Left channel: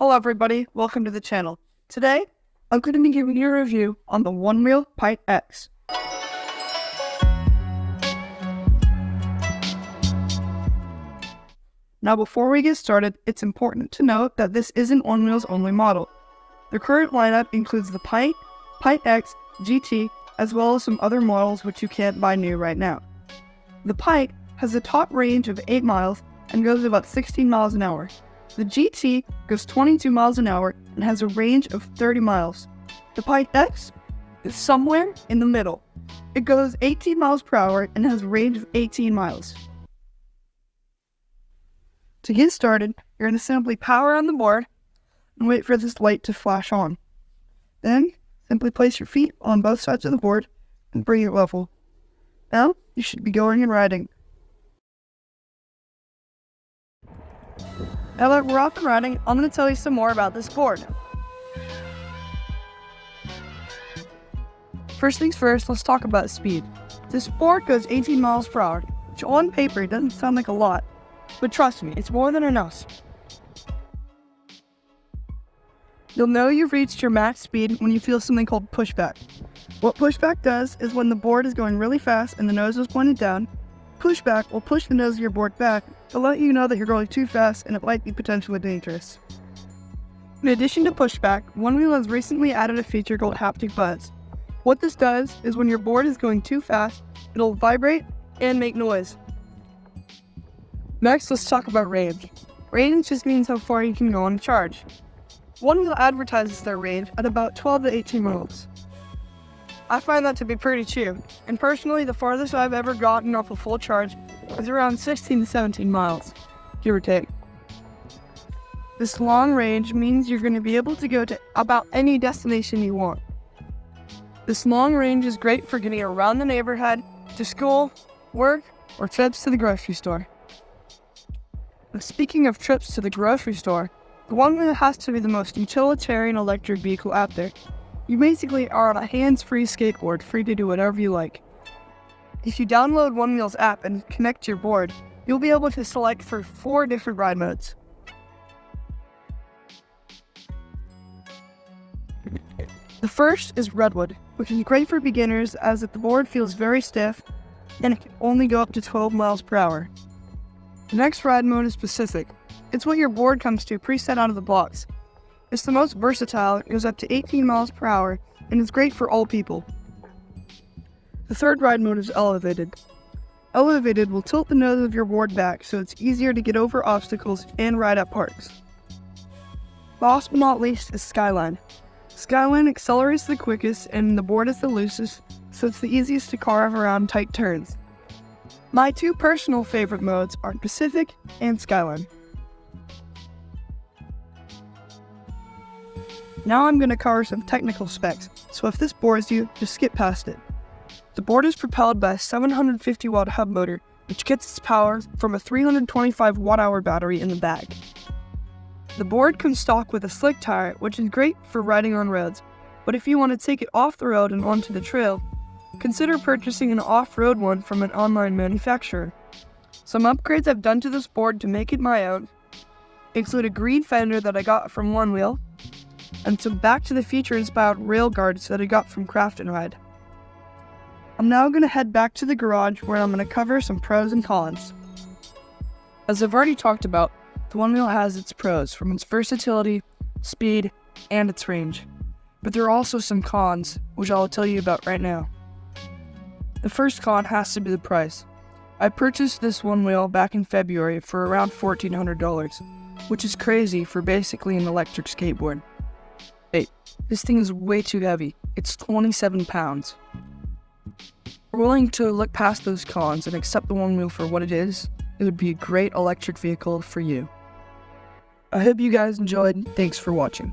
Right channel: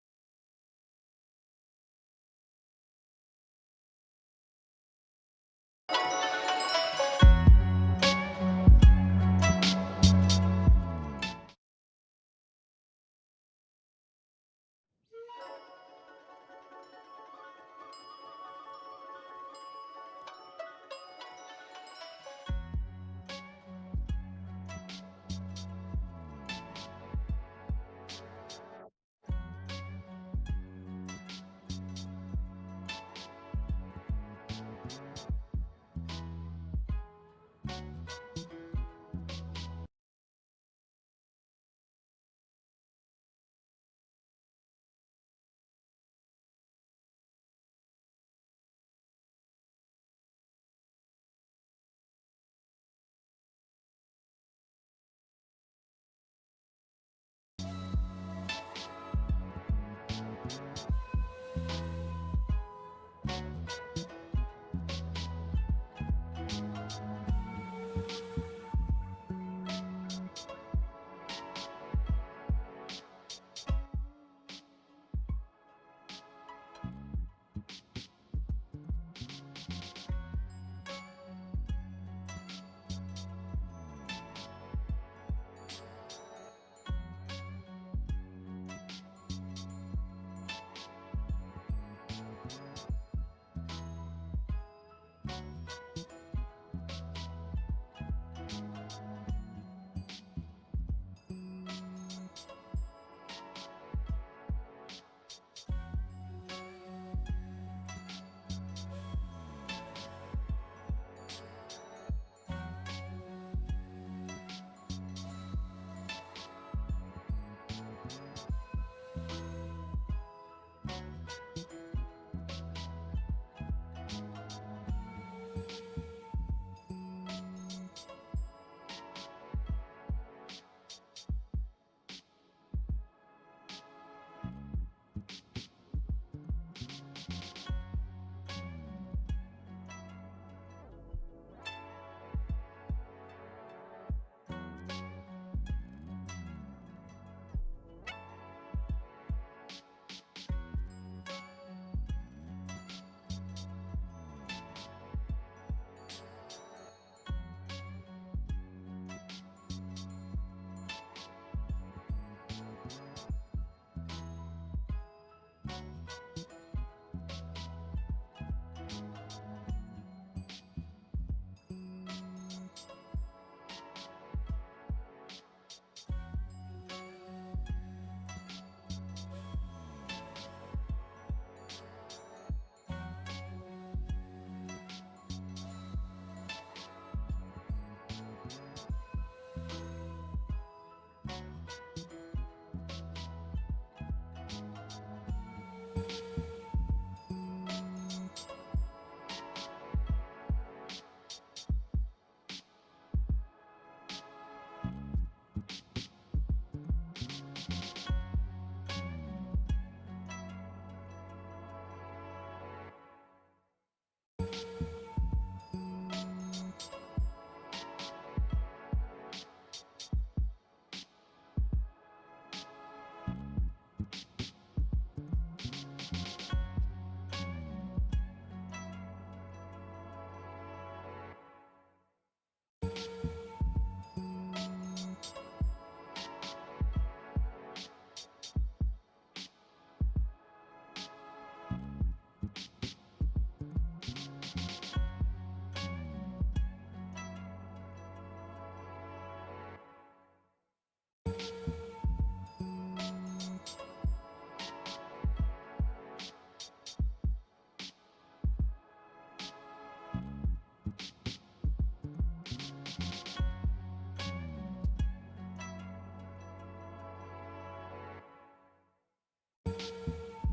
Hello everybody, welcome to the channel. Today, I'm going to be giving you a review on the Onewheel Pint X. Now before we get started, it's important to note that this isn't Onewheel's only model. The current lineup includes the Pint, Pint X, GT, as well as some other models which you can't buy new right now. The Pint has a top range of 8 miles and goes about 16 miles an hour. The GT goes 22 miles an hour and has a range of 30 miles. The Pint X is somewhere in the middle. It goes 18 miles per hour and has a range of 18 miles. To get started, you're going to simply power on the board and wait for this light to flash on. Then, simply place your feet on both sides of the board and bring it level. Now, you should be going and riding. Now that we're off and riding, I'm going to tell you some more about this board. First things first, let's talk about speed. This board goes 18 miles per hour, which on paper doesn't sound like a lot, but trust me, it's more than enough. You'll know you've reached your max speed when you feel something called pushback. What pushback does is when the board is going really fast and the nose is pointed down, pushback will push the nose of your board back to let you know that you're going too fast and it might be potentially dangerous. In addition to pushback, Onewheel has recently added a feature called haptic buzz. What this does is when your board is going too fast, it'll vibrate and make noise. Next, let's talk about range. Range just means how far you can go on a charge. Onewheel advertises their range at about 12 to 18 miles. I find that to be pretty cheap, and personally the farthest I've ever gotten off a full charge is around 16 to 17 miles, give or take. This long range means you're going to be able to go to about any destination you want. This long range is great for getting around the neighborhood, to school, work, or trips to the grocery store. But speaking of trips to the grocery store, the Onewheel has to be the most utilitarian electric vehicle out there. You basically are on a hands-free skateboard, free to do whatever you like. If you download Onewheel's app and connect your board, you'll be able to select for 4 different ride modes. The first is Redwood, which is great for beginners as if the board feels very stiff and it can only go up to 12 miles per hour. The next ride mode is Pacific. It's what your board comes to preset out of the box. It's the most versatile, it goes up to 18 miles per hour, and is great for all people. The third ride mode is Elevated. Elevated will tilt the nose of your board back so it's easier to get over obstacles and ride at parks. Last but not least is Skyline. Skyline accelerates the quickest and the board is the loosest, so it's the easiest to carve around tight turns. My 2 personal favorite modes are Pacific and Skyline. Now I'm going to cover some technical specs, so if this bores you, just skip past it. The board is propelled by a 750 watt hub motor, which gets its power from a 325 watt-hour battery in the back. The board comes stock with a slick tire, which is great for riding on roads, but if you want to take it off the road and onto the trail, consider purchasing an off-road one from an online manufacturer. Some upgrades I've done to this board to make it my own include a green fender that I got from Onewheel, and some Back to the Future inspired rail guards that I got from Craft & Ride. I'm now going to head back to the garage where I'm going to cover some pros and cons. As I've already talked about, the Onewheel has its pros from its versatility, speed, and its range. But there are also some cons, which I'll tell you about right now. The first con has to be the price. I purchased this Onewheel back in February for around $1,400, which is crazy for basically an electric skateboard. Wait, this thing is way too heavy. It's 27 pounds. If you're willing to look past those cons and accept the Onewheel for what it is, it would be a great electric vehicle for you. I hope you guys enjoyed. Thanks for watching.